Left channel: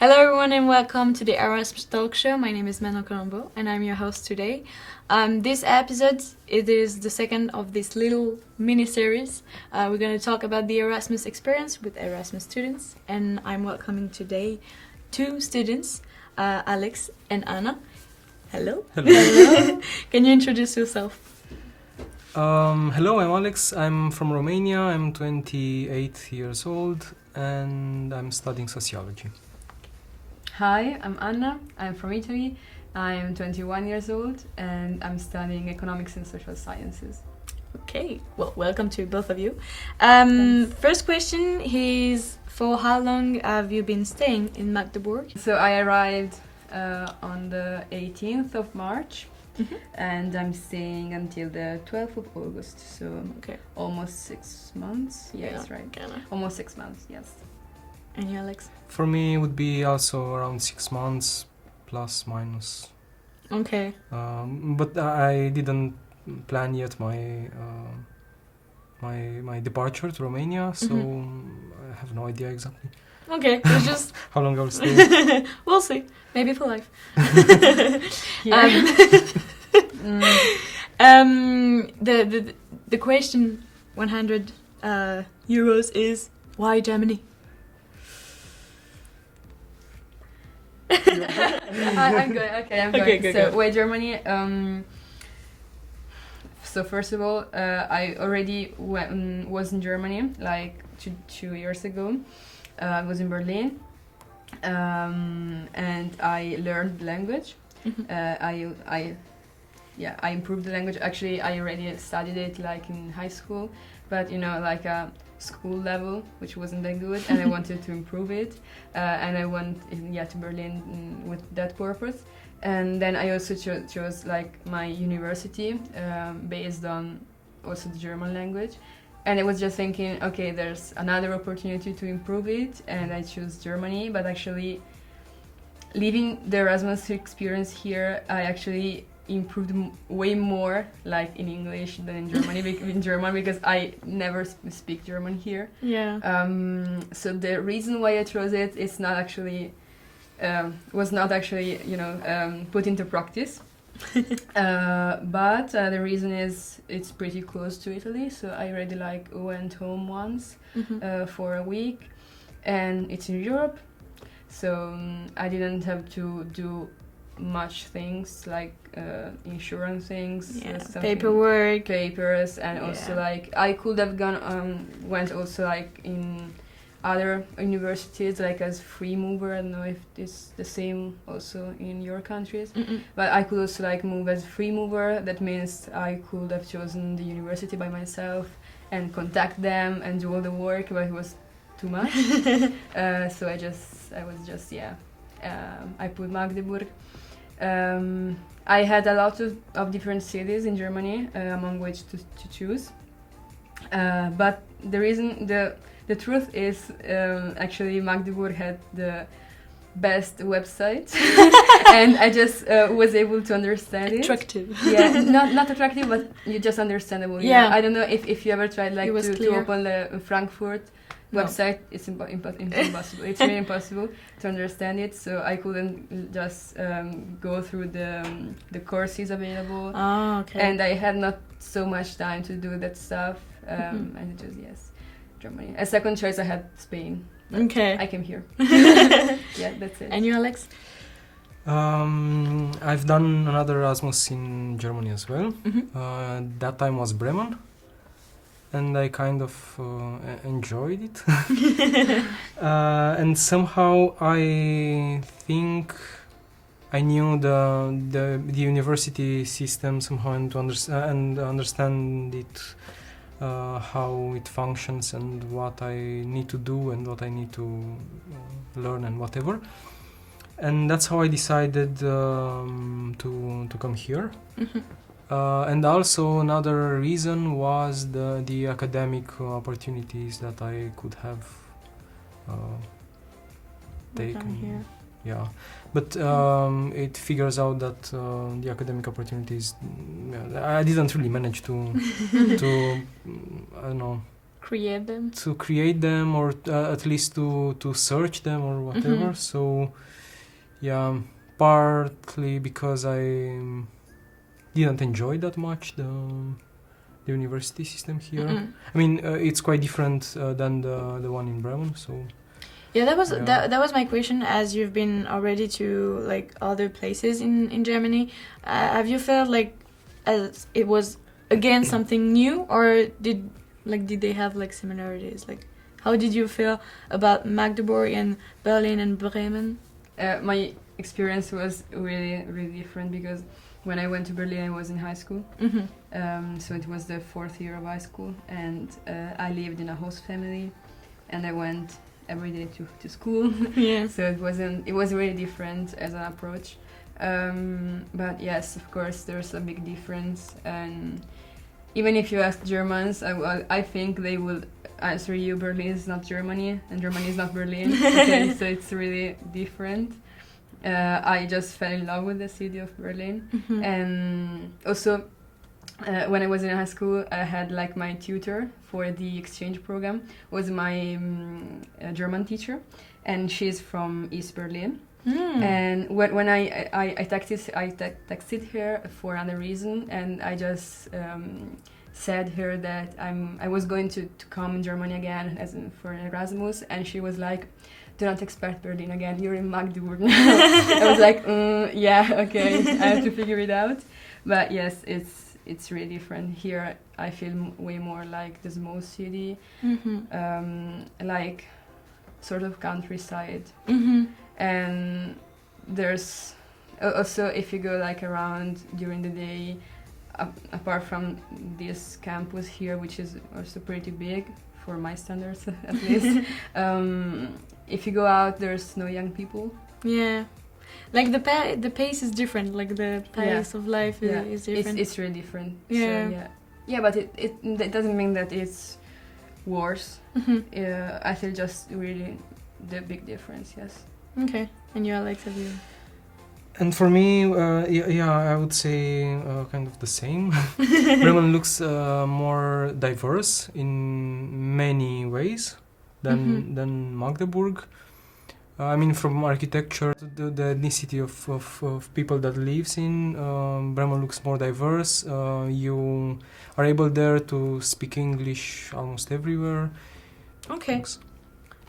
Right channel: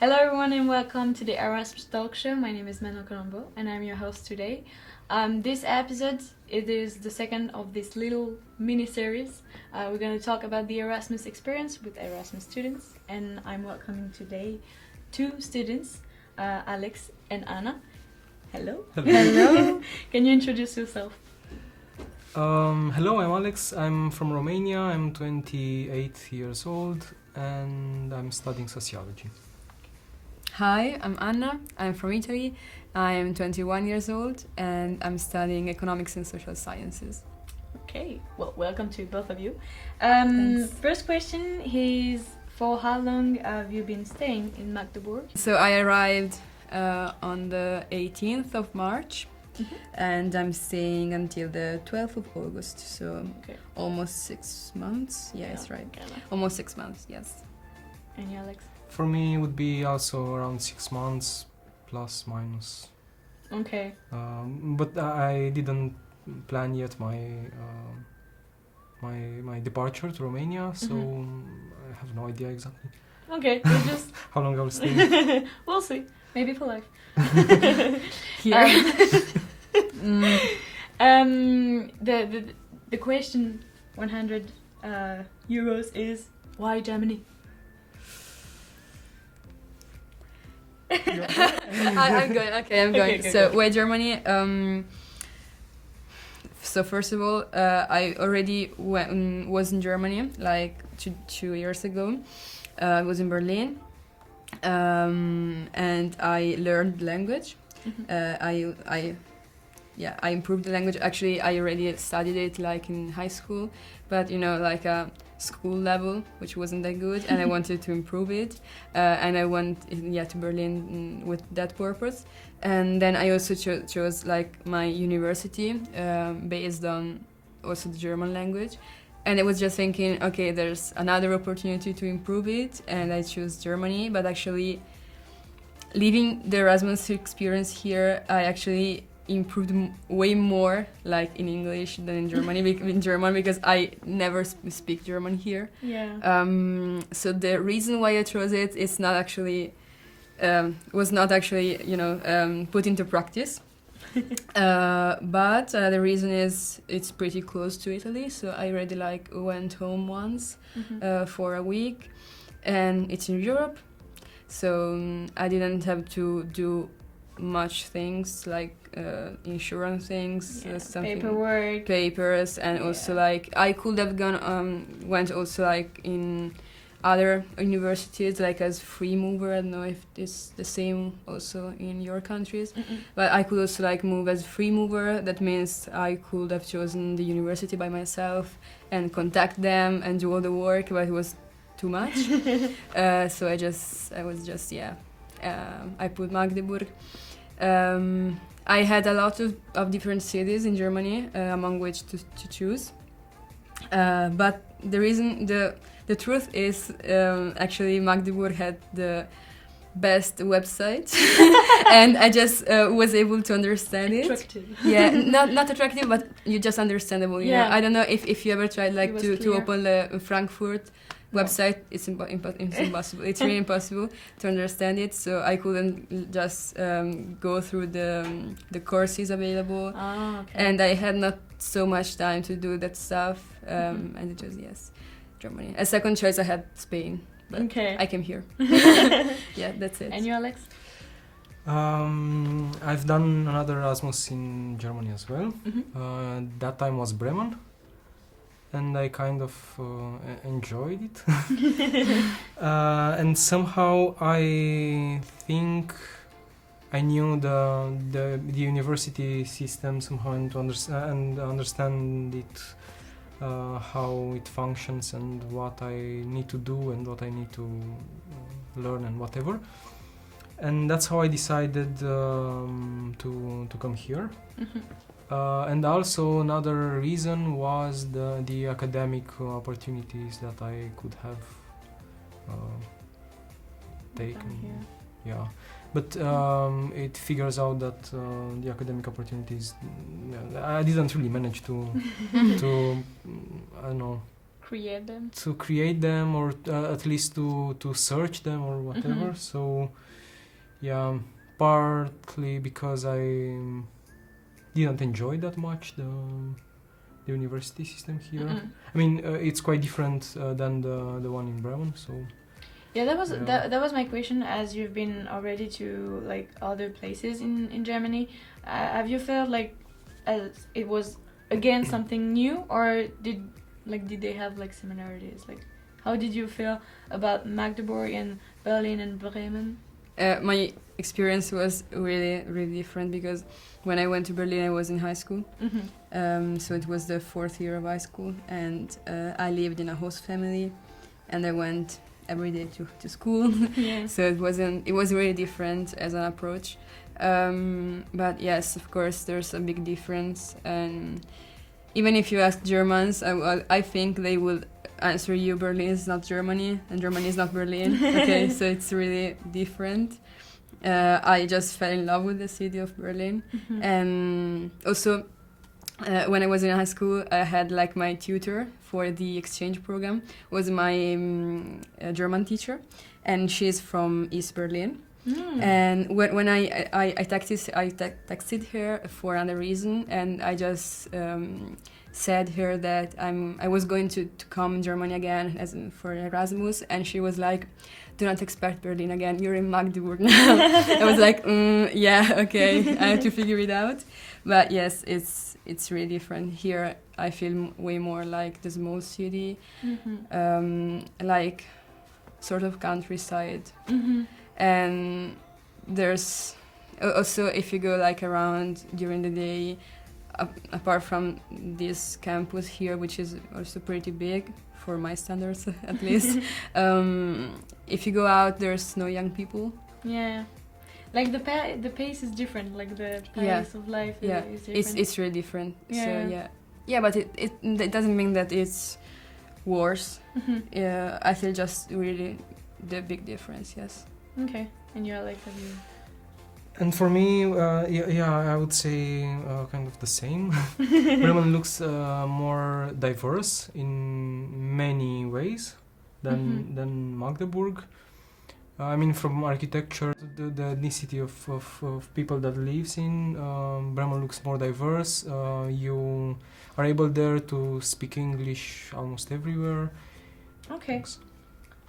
Hello everyone and welcome to the Erasmus Talk Show. My name is Manon Colombo and I'm your host today. This episode, it is the second of this little mini-series. We're going to talk about the Erasmus experience with Erasmus students, and I'm welcoming today two students, Alex and Anna. Hello. Hello. Can you introduce yourself? Hello, I'm Alex. I'm from Romania. I'm 28 years old and I'm studying sociology. Hi, I'm Anna. I'm from Italy. I'm 21 years old and I'm studying economics and social sciences. Okay, well, welcome to both of you. First question is, for how long have you been staying in Magdeburg? So I arrived on the 18th of March and I'm staying until the 12th of August. So almost 6 months. Yes, right. Almost 6 months, yes. And you, Alex? For me, it would be also around 6 months, plus minus. Okay. But I didn't plan yet my departure to Romania, so I have no idea exactly. Okay, so just how long I will stay. We'll see. Maybe for life. The question 100 euros is, why Germany? I'm good. Okay, I'm going. Okay, So go. why Germany? So first of all, I already was in Germany like two years ago. I was in Berlin, and I learned the language. I improved the language. Actually, I already studied it like in high school, but like a school level, which wasn't that good, and I wanted to improve it, and I went to Berlin with that purpose. And then I also chose like my university based on also the German language, and I was just thinking, okay, there's another opportunity to improve it, and I chose Germany. But actually, living the Erasmus experience here, I actually improved way more like in English than in German because I never speak German here. Yeah. So the reason why I chose it is not actually was not actually put into practice. But the reason is it's pretty close to Italy, so I already went home once for a week, and it's in Europe, so I didn't have to do much things like insurance things, papers, and also I could have went also in other universities like as free mover. I don't know if it's the same also in your countries, but I could also move as free mover. That means I could have chosen the university by myself and contact them and do all the work, but it was too much. So I put Magdeburg. I had a lot of different cities in Germany, among which to choose. But the truth is, actually Magdeburg had the best website, and I just was able to understand it. Attractive. Yeah, not attractive, but you just understandable. Yeah. I don't know if you ever tried to open the Frankfurt website. No. It's impossible. It's really impossible to understand it. So I couldn't just go through the courses available. Oh, okay. And I had not so much time to do that stuff. And it was Germany. A second choice I had Spain. Okay. I came here. Yeah, that's it. And you, Alex? I've done another Erasmus in Germany as well. That time was Bremen, and I kind of enjoyed it. And somehow I think I knew the university system somehow, and understand it, how it functions and what I need to do and what I need to learn and whatever. And that's how I decided to come here. And also another reason was the academic opportunities that I could have taken. Yeah, but it figures out that the academic opportunities, I didn't really manage to I don't know, create them. To create them, or at least to search them or whatever. So yeah, partly because I didn't enjoy that much the university system here. I mean, it's quite different than the one in Bremen. So yeah, that was my question. As you've been already to like other places in Germany, have you felt like as it was again something new, or did they have like similarities? Like, how did you feel about Magdeburg and Berlin and Bremen? My experience was really, really different because when I went to Berlin, I was in high school. So it was the 4th year of high school, and I lived in a host family, and I went every day to school. Yeah. So it was really different as an approach. But yes, of course, there's a big difference, and even if you ask Germans, I think they will answer you Berlin is not Germany and Germany is not Berlin. Okay, so it's really different. I just fell in love with the city of Berlin, and also when I was in high school, I had like my tutor for the exchange program was my German teacher, and she's from East Berlin. And when I texted her for another reason, and I just said her that I was going to come in Germany again for Erasmus, and she was like, "Do not expect Berlin again. You're in Magdeburg now." I was like, "Yeah, okay, I have to figure it out." But yes, it's really different here. I feel way more like the small city, like sort of countryside. And there's also, if you go like around during the day, apart from this campus here, which is also pretty big for my standards at least, if you go out, there's no young people. Yeah, like the pace is different. Like the pace of life is different. It's really different. Yeah. So, yeah, but it doesn't mean that it's worse. Yeah, I feel just really the big difference. Yes. Okay, and you're like, have you? And for me, I would say kind of the same. Bremen looks more diverse in many ways than Magdeburg. I mean, from architecture to the ethnicity of people that lives in Bremen looks more diverse. You are able there to speak English almost everywhere. Okay. Thanks.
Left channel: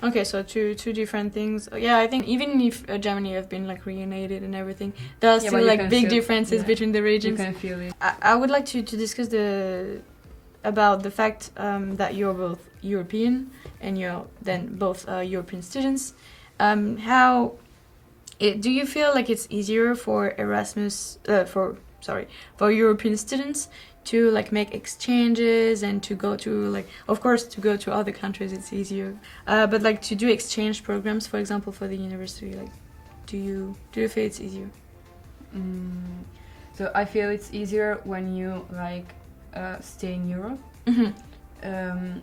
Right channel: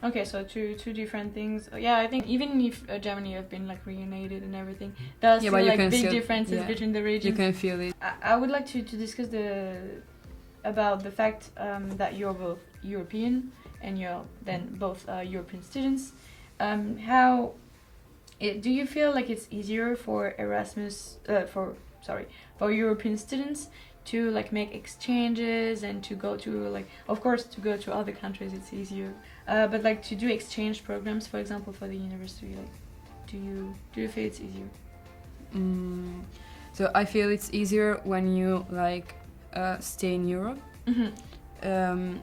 Okay, so two different things. Yeah, I think even if Germany have been like reunited and everything, there are still like big differences between the regions. You can feel it. I would like to discuss about the fact that you're both European and you're then both European students. Do you feel like it's easier for for European students to like make exchanges and to go to like, of course, to go to other countries it's easier, but like to do exchange programs, for example, for the university, like do you feel it's easier? So I feel it's easier when you like stay in Europe.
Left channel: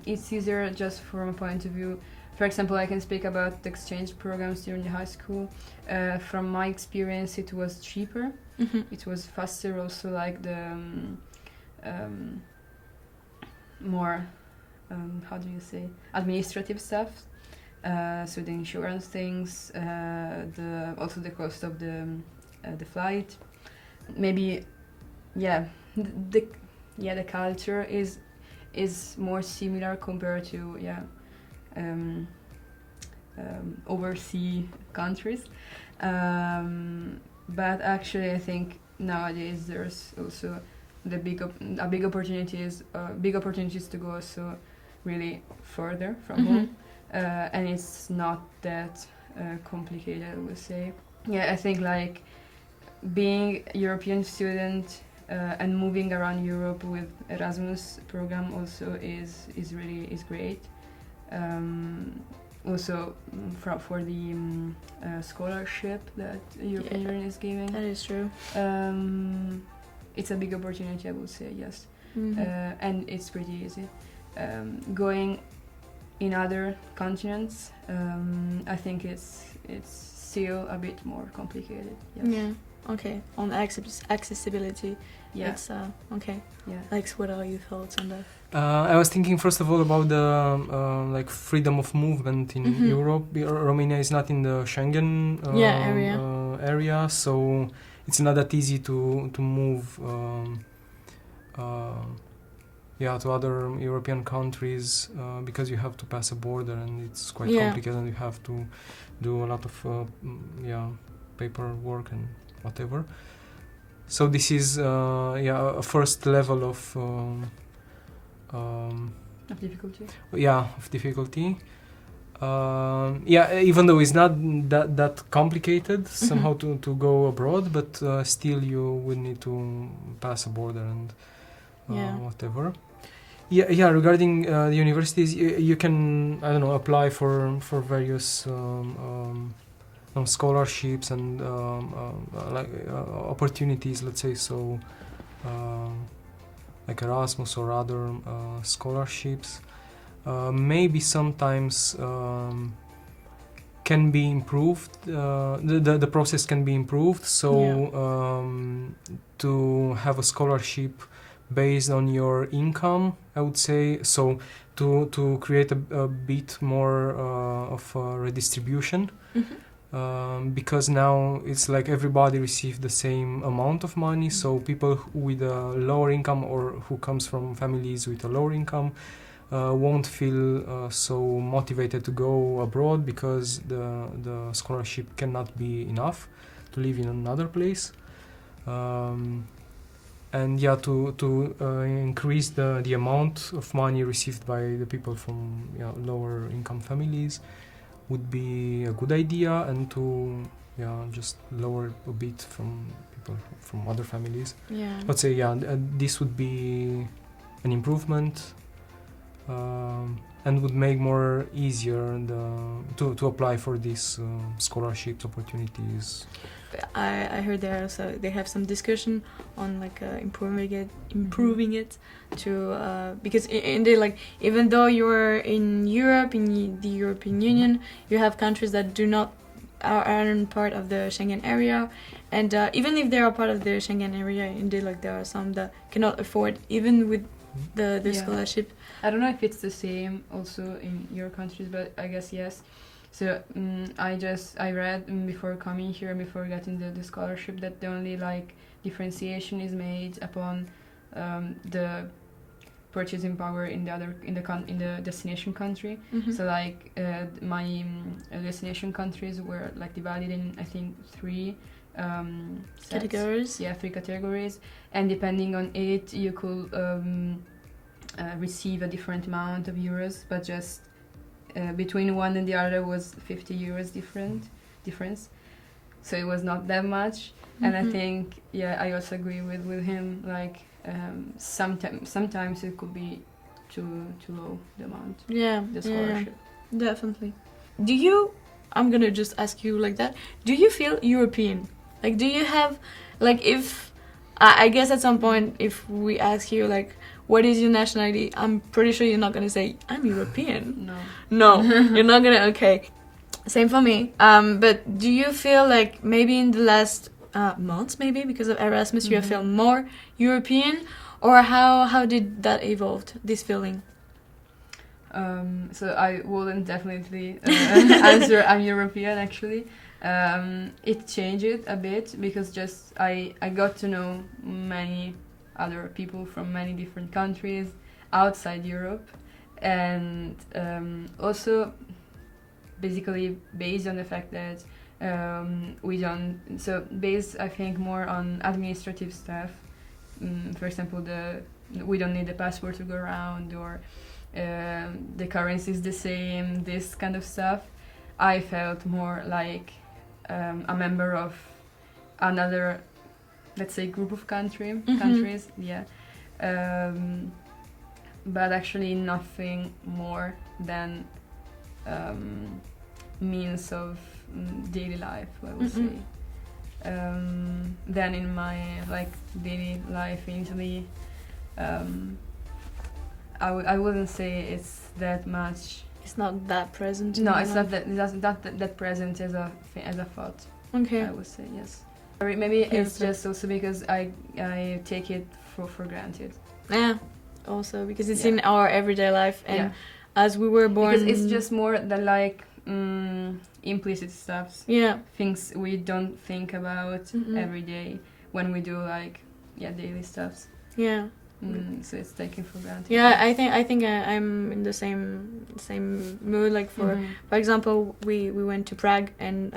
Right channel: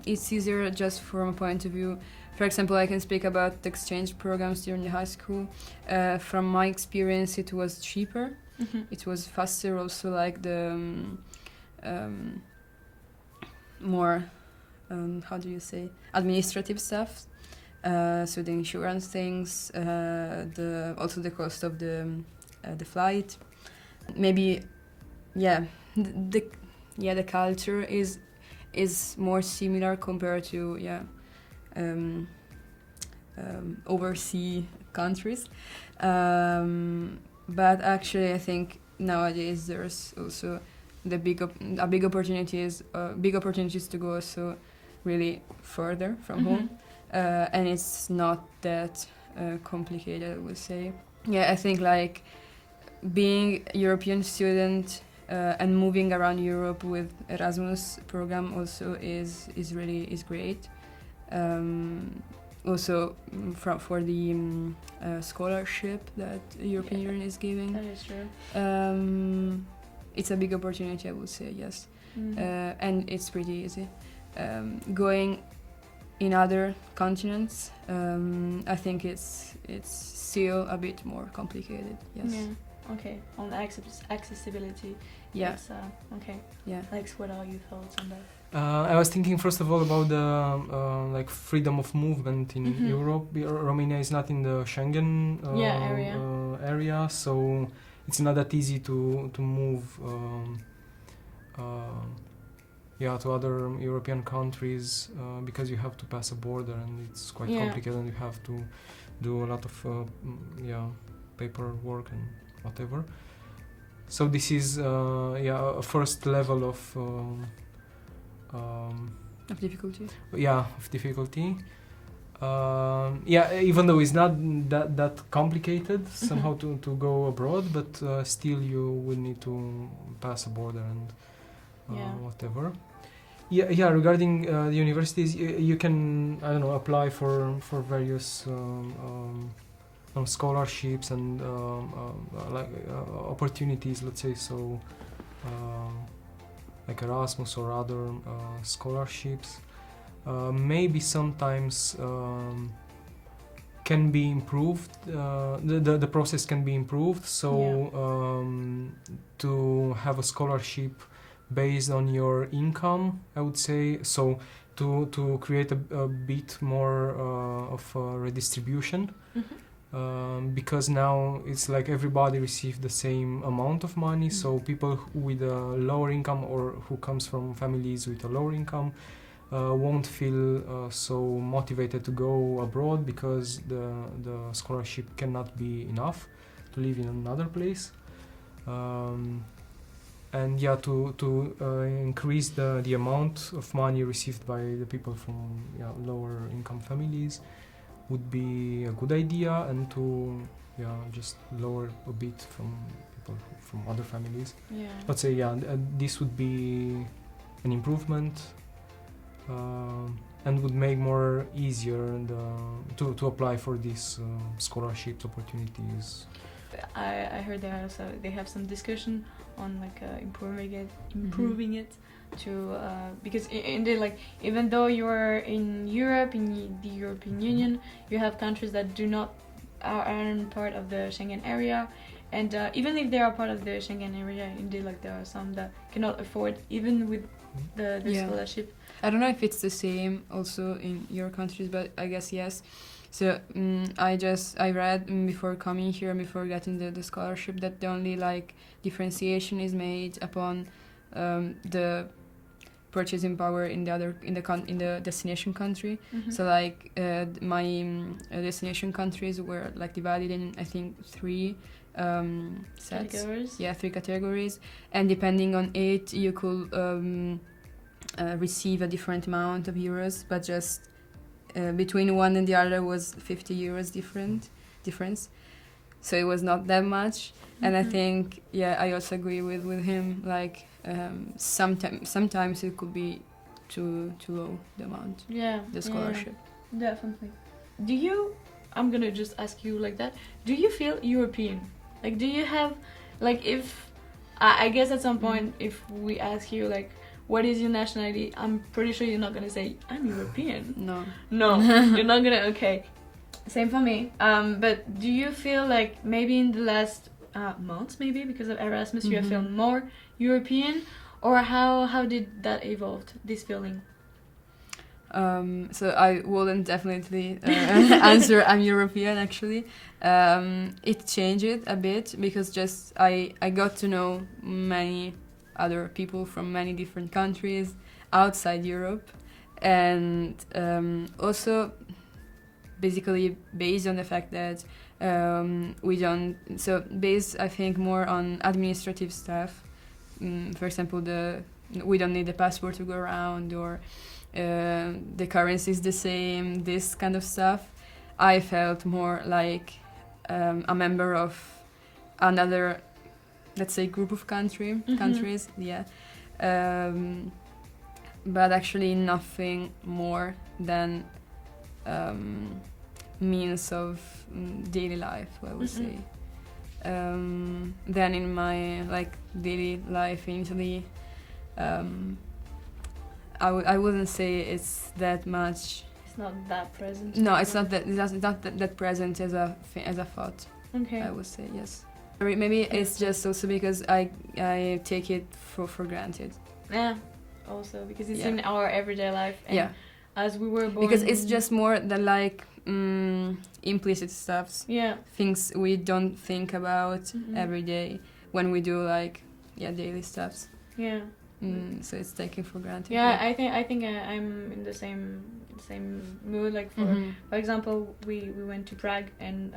It's easier just from a point of view. For example, I can speak about the exchange programs during the high school. From my experience, it was cheaper. It was faster. Also, like the more how do you say, administrative stuff. So the insurance things, also the cost of the flight. Maybe, the culture is more similar compared to overseas countries. But actually, I think nowadays there's also big opportunities to go also really further from home, and it's not that complicated, I would say. Yeah, I think like being a European student and moving around Europe with Erasmus program also is great. Also for the scholarship that European Union is giving. That is true. It's a big opportunity, I would say, yes. And it's pretty easy. Going in other continents, I think it's still a bit more complicated. Yes. Yeah. Okay. On accessibility. Yeah. It's, okay. Yeah. Like, what are your thoughts on that? I was thinking first of all about the like freedom of movement in Europe. Romania is not in the Schengen area, so it's not that easy to move to other European countries because you have to pass a border and it's quite complicated and you have to do a lot of paperwork and whatever. So this is a first level of difficulty. Of difficulty. Even though it's not that complicated somehow to go abroad, but still you would need to pass a border and whatever. Regarding the universities, you can apply for various scholarships and opportunities, let's say so, like Erasmus or other scholarships. Maybe sometimes can be improved. The process can be improved. So to have a scholarship based on your income, I would say. So to create a bit more of a redistribution. Because now it's like everybody receives the same amount of money, so people with a lower income or who comes from families with a lower income won't feel so motivated to go abroad because the scholarship cannot be enough to live in another place. To increase the amount of money received by the people from lower income families would be a good idea, and to just lower a bit from people from other families. Let's say this would be an improvement and would make more easier to apply for these scholarships opportunities. I heard they have some discussion on like improving it to because indeed, like, even though you're in Europe, in the European Union, you have countries that aren't part of the Schengen area, and even if they are part of the Schengen area, indeed, like, there are some that cannot afford even with the scholarship. I don't know if it's the same also in your countries, but I guess yes. So I read before coming here and before getting the scholarship that the only like differentiation is made upon the purchasing power in the destination country. So like my destination countries were like divided in, I think, three categories. Yeah, 3 categories, and depending on it, you could receive a different amount of euros, but just between one and the other was 50 euros difference. So it was not that much. And I think, I also agree with him, like sometimes it could be too low, the amount, the scholarship. Definitely. I'm gonna just ask you like that, do you feel European? Like, do you have, like, if I guess at some point if we ask you like what is your nationality, I'm pretty sure you're not gonna say I'm European. No, you're not gonna. Okay, same for me. But do you feel like maybe in the last months, maybe because of Erasmus, you have felt more European, or how did that evolve, this feeling? So I wouldn't definitely answer I'm European, actually. It changed a bit because just I got to know many other people from many different countries outside Europe, and also basically based on the fact that based, I think, more on administrative stuff. For example, we don't need a passport to go around, or the currency is the same, this kind of stuff. I felt more like a member of another, let's say, group of countries, but actually nothing more than means of daily life, I would say. Then in my daily life in Italy, I wouldn't say it's that much. It's not that present. No, it's not that present as a thought. Okay. I would say yes. Maybe it's just also because I take it for granted. Yeah. also because it's Yeah. in our everyday life, and Yeah. as we were born, Because it's just more the like implicit stuffs, yeah. things we don't think about Mhm. every day when we do like daily stuffs. Yeah. So it's taken for granted. Yeah, I think I'm in the same mood. Like for example, we went to Prague, and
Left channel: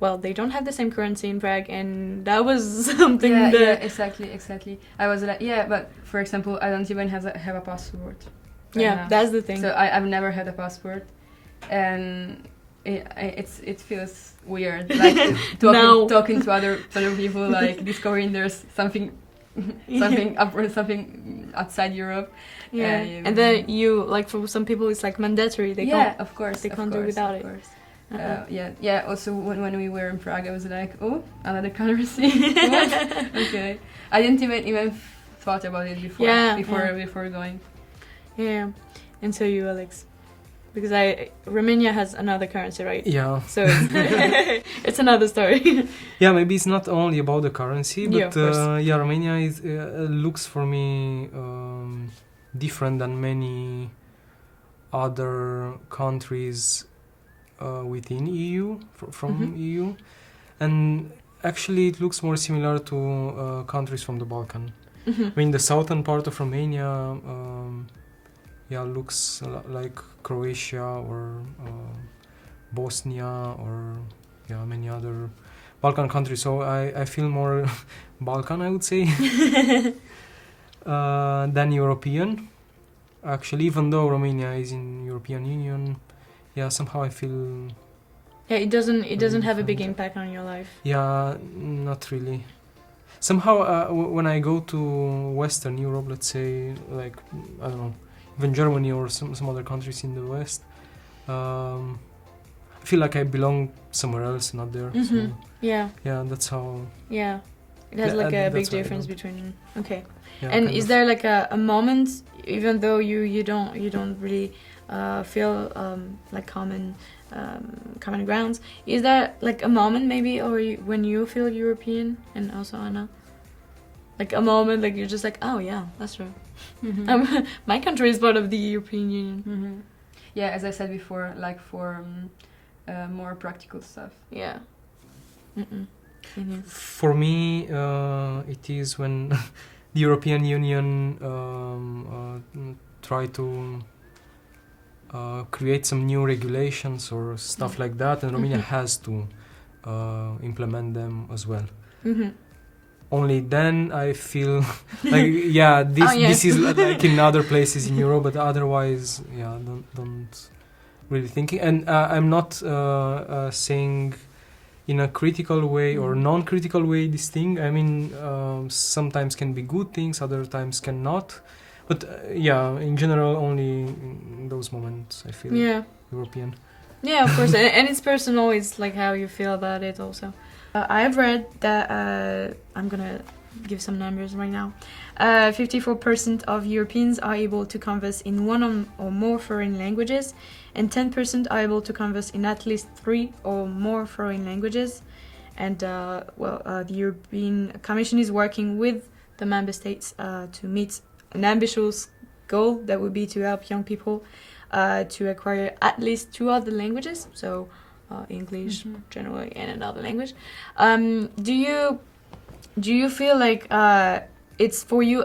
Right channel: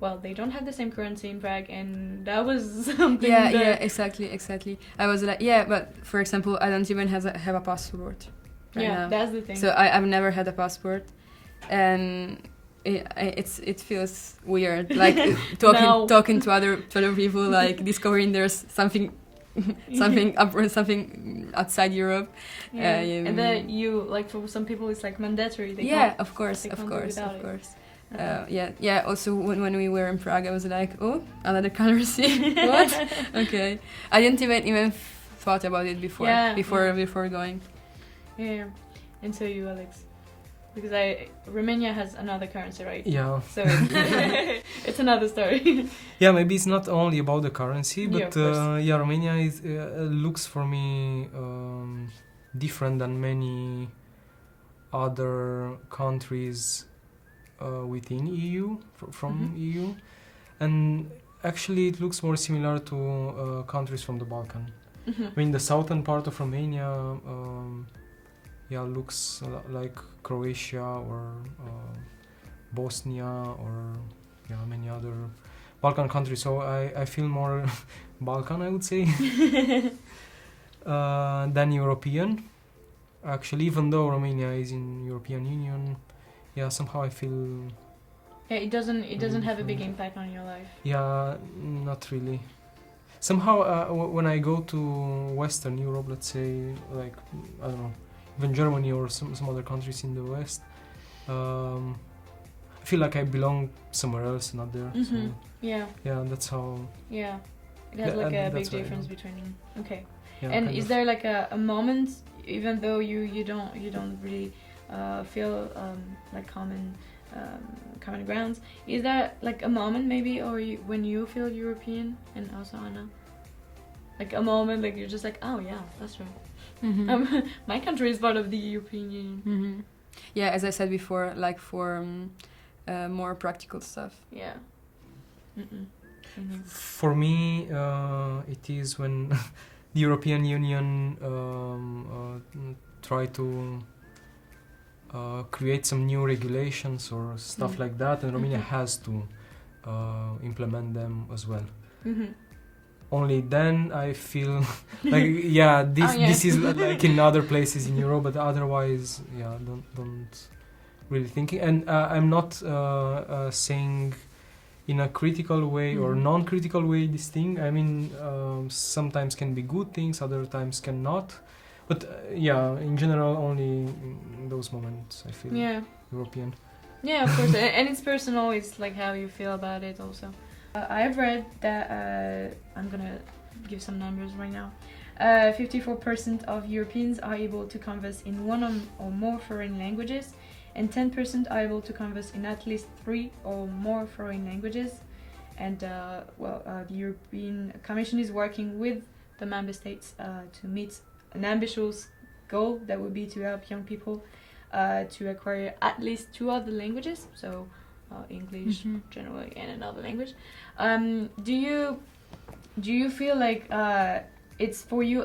well, they don't have the same currency in Prague, and that was something. Yeah, exactly. I was like, but for example, I don't even have a passport. Right Yeah, now. that's the thing. So I've never had a passport, and it feels weird, like talking to other people, like discovering there's something outside Europe. Yeah, and then you like for some people it's like mandatory. They can't, of course, they can't do without it. Also, when we were in Prague, I was like, oh, another currency. What? Okay, I didn't even thought about it before going. Yeah, and so you, Alex, because Romania has another currency, right? Yeah. So it's another story. Yeah, maybe it's not only about the currency, but of Romania is looks for me different than many other countries within EU from EU, and actually it looks more similar to countries from the Balkan. I mean, the southern part of Romania, looks like Croatia or Bosnia or many other Balkan countries. So I feel more Balkan, I would say, than European. Actually, even though Romania is in European Union, somehow I feel. Yeah, it doesn't really have a big different. impact on your life. Yeah, not really. Somehow, when I go to Western Europe, let's say, like, I don't know, even Germany or some other countries in the West, I feel like I belong somewhere else, not there. So, Yeah, that's how. yeah, it has like a big that's what I difference do. between. Okay, Yeah, and kind is of. there like a moment, even though you don't really feel like common grounds, is there like a moment maybe, or when you feel European, and also Anna, like a moment like you're just like, oh yeah, that's true. My country is part of the European Union. Yeah, as I said before, like for more practical stuff. Yeah. For me, it is when the European Union try to create some new regulations or stuff like that, and Romania has to implement them as well. Only then I feel like this is like in other places in Europe, but otherwise don't really thinking. And I'm not saying in a critical way or non-critical way this thing. I mean, sometimes can be good things, other times cannot. But in general, only in those moments I feel European. Yeah, of course, and it's personal. It's like how you feel about it also. I've read that I'm gonna give some numbers right now. 54% of Europeans are able to converse in one or more foreign languages, and 10% are able to converse in at least 3 or more foreign languages. And the European Commission is working with the member states to meet an ambitious goal that would be to help young people to acquire at least 2 other languages. So. English generally and another language. Do you feel like it's for you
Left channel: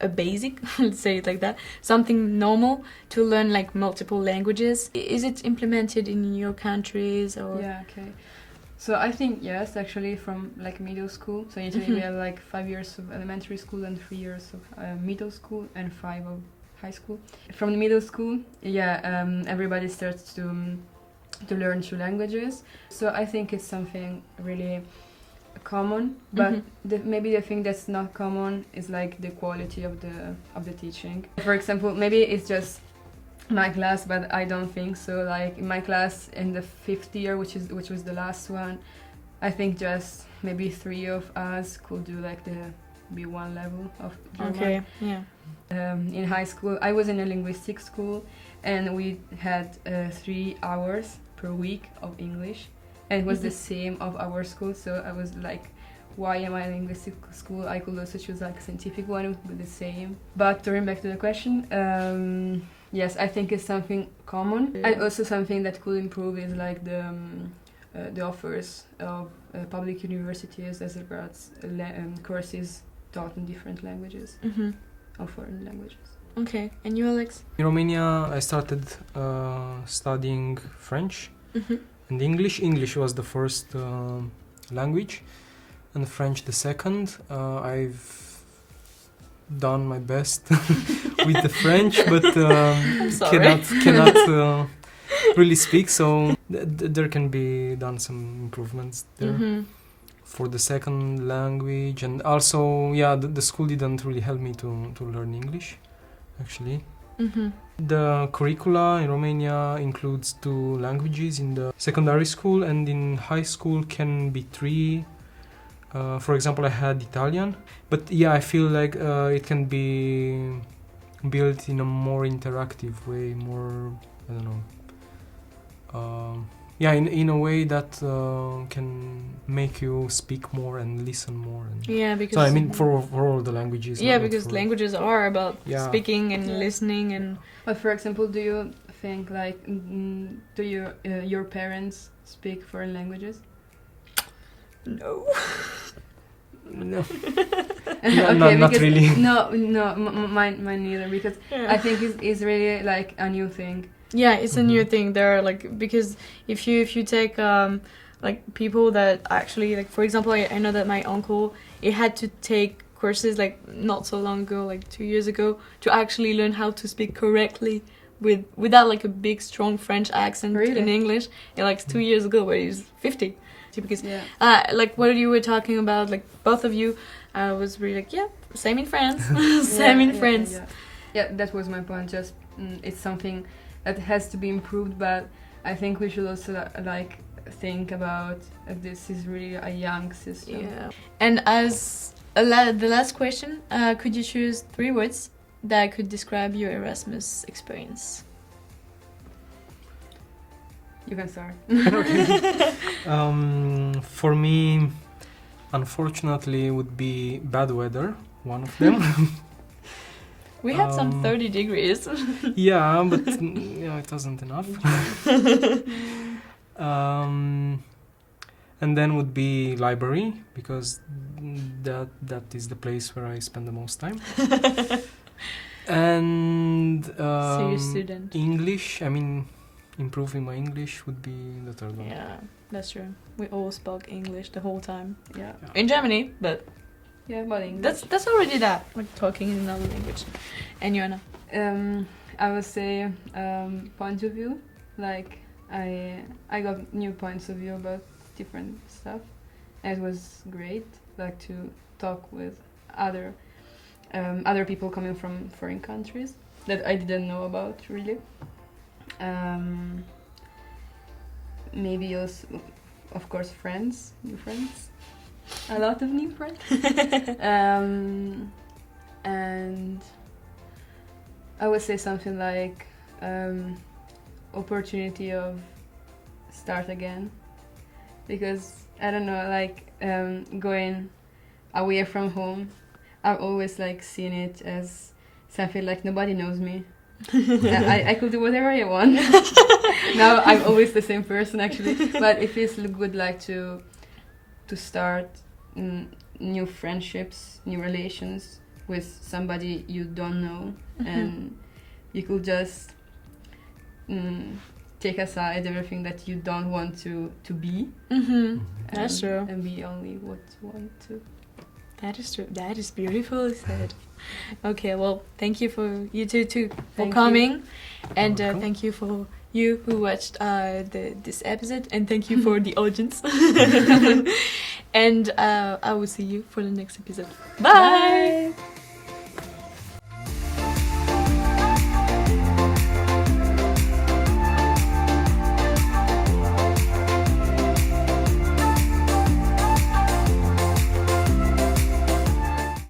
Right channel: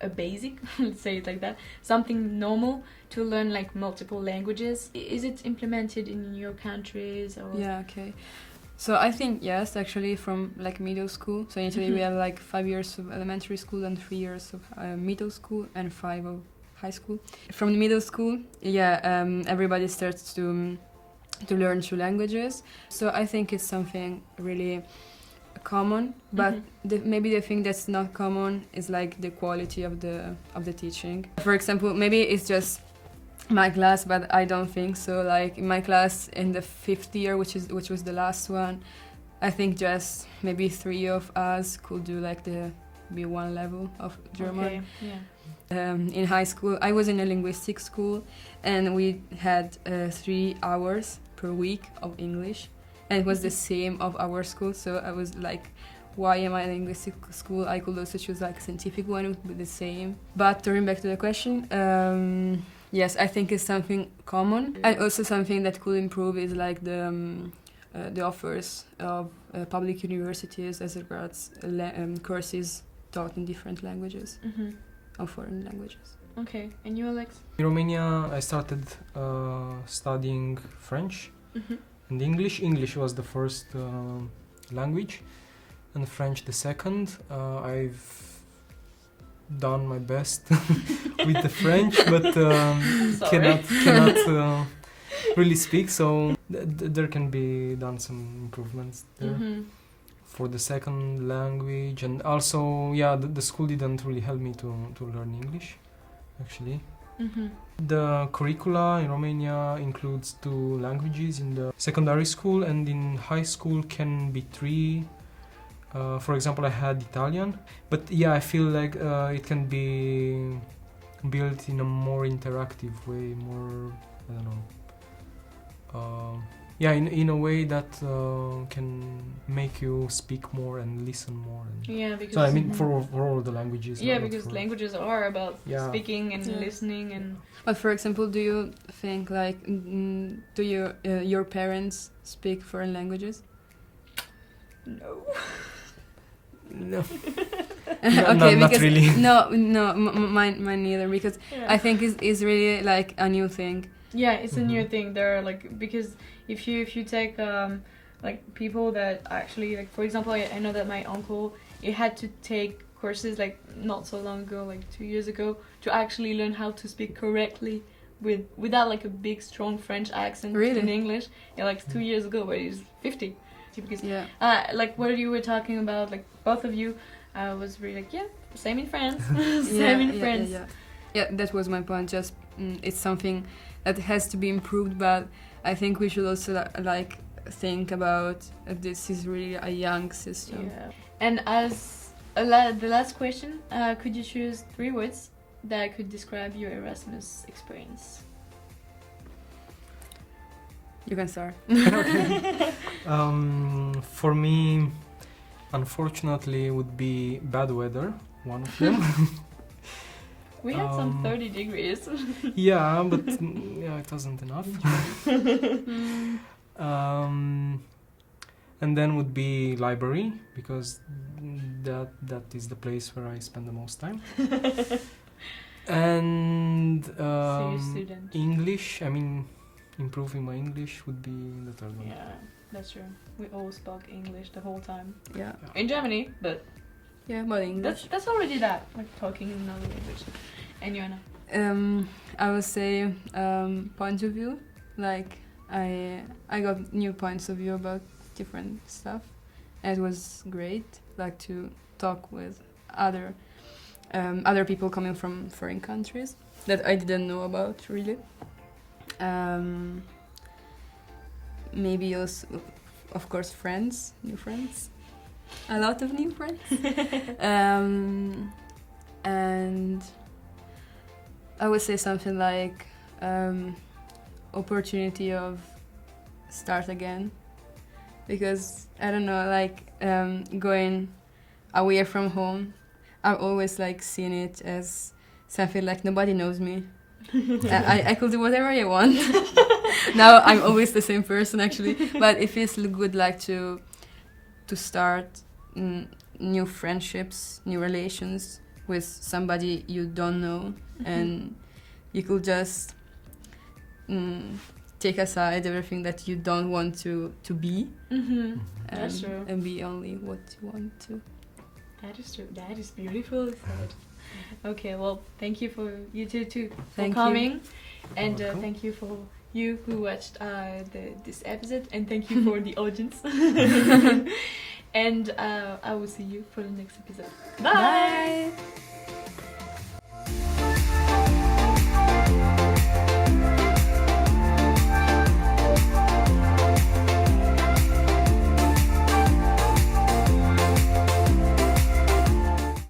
a basic, let's say it like that, something normal to learn like multiple languages? Is it implemented in your countries or? Yeah, okay. So I think yes, actually from like middle school. So in Italy we have like 5 years of elementary school and 3 years of middle school and 5 of high school. From the middle school, everybody starts to learn 2 languages. So I think it's something really common, but maybe the thing that's not common is like the quality of the teaching. For example, maybe it's just my class, but I don't think so. Like in my class in the 5th year, which was the last one, I think just maybe 3 of us could do like the B1 level of German. Okay, yeah. In high school, I was in a linguistic school, and we had 3 hours per week of English, and it was the same of our school. So I was like, why am I in a linguistic school? I could also choose like a scientific one, it would be the same. But turning back to the question, yes, I think it's something common. And also something that could improve is like the offers of public universities as regards courses taught in different languages or foreign languages. Okay, and you, Alex? In Romania, I started studying French and English. English was the first language, and French the second. I've done my best with the French, but cannot really speak. So there can be done some improvements there for the second language, and also the school didn't really help me to learn English. Actually, the curricula in Romania includes 2 languages in the secondary school, and in high school can be 3. For example, I had Italian, but I feel like it can be built in a more interactive way, more, I don't know, in a way that can make you speak more and listen more. And Because so I mean for all the languages. Because languages are about speaking and listening and. But for example, do you think like do your parents speak foreign languages? No. No. Okay, not really. No, mine neither. Because I think it's really like a new thing. Yeah, it's a new thing. There are like, because if you take like people that actually, like, for example, I know that my uncle, he had to take courses like not so long ago, like 2 years ago, to actually learn how to speak correctly without like a big strong French accent in English. Yeah, like 2 years ago, where he's 50. Because like what you were talking about, like both of you, was really like same in France, same in France. Yeah, that was my point. Just it's something that has to be improved, but I think we should also like think about this is really a young system. Yeah. And as the last question, could you choose 3 words that could describe your Erasmus experience? You can start. Okay. For me, unfortunately, would be bad weather, one of them. We had some 30 degrees. But it wasn't enough. And then would be library, because that is the place where I spend the most time. And Serious student. English, I mean, improving my English would be the third one. Yeah, that's true. We all spoke English the whole time. Yeah. In Germany, but but English. That's already that, like talking in another language. And Joanna? I would say point of view. Like I got new points of view about different stuff, and it was great. Like to talk with other people coming from foreign countries that I didn't know about really. Maybe also, of course, new friends, a lot of new friends. And I would say something like opportunity of start again, because I don't know, like going away from home, I've always like seen it as something like nobody knows me. I could do whatever I want. Now I'm always the same person actually, but it feels good like to start new friendships, new relations with somebody you don't know, and you could just take aside everything that you don't want to be. That's true. And be only what you want to. That is true. That is beautifully said. Okay, well, thank you for you two for coming, and thank you for you who watched this episode, and thank you for the audience. And I will see you for the next episode. Bye.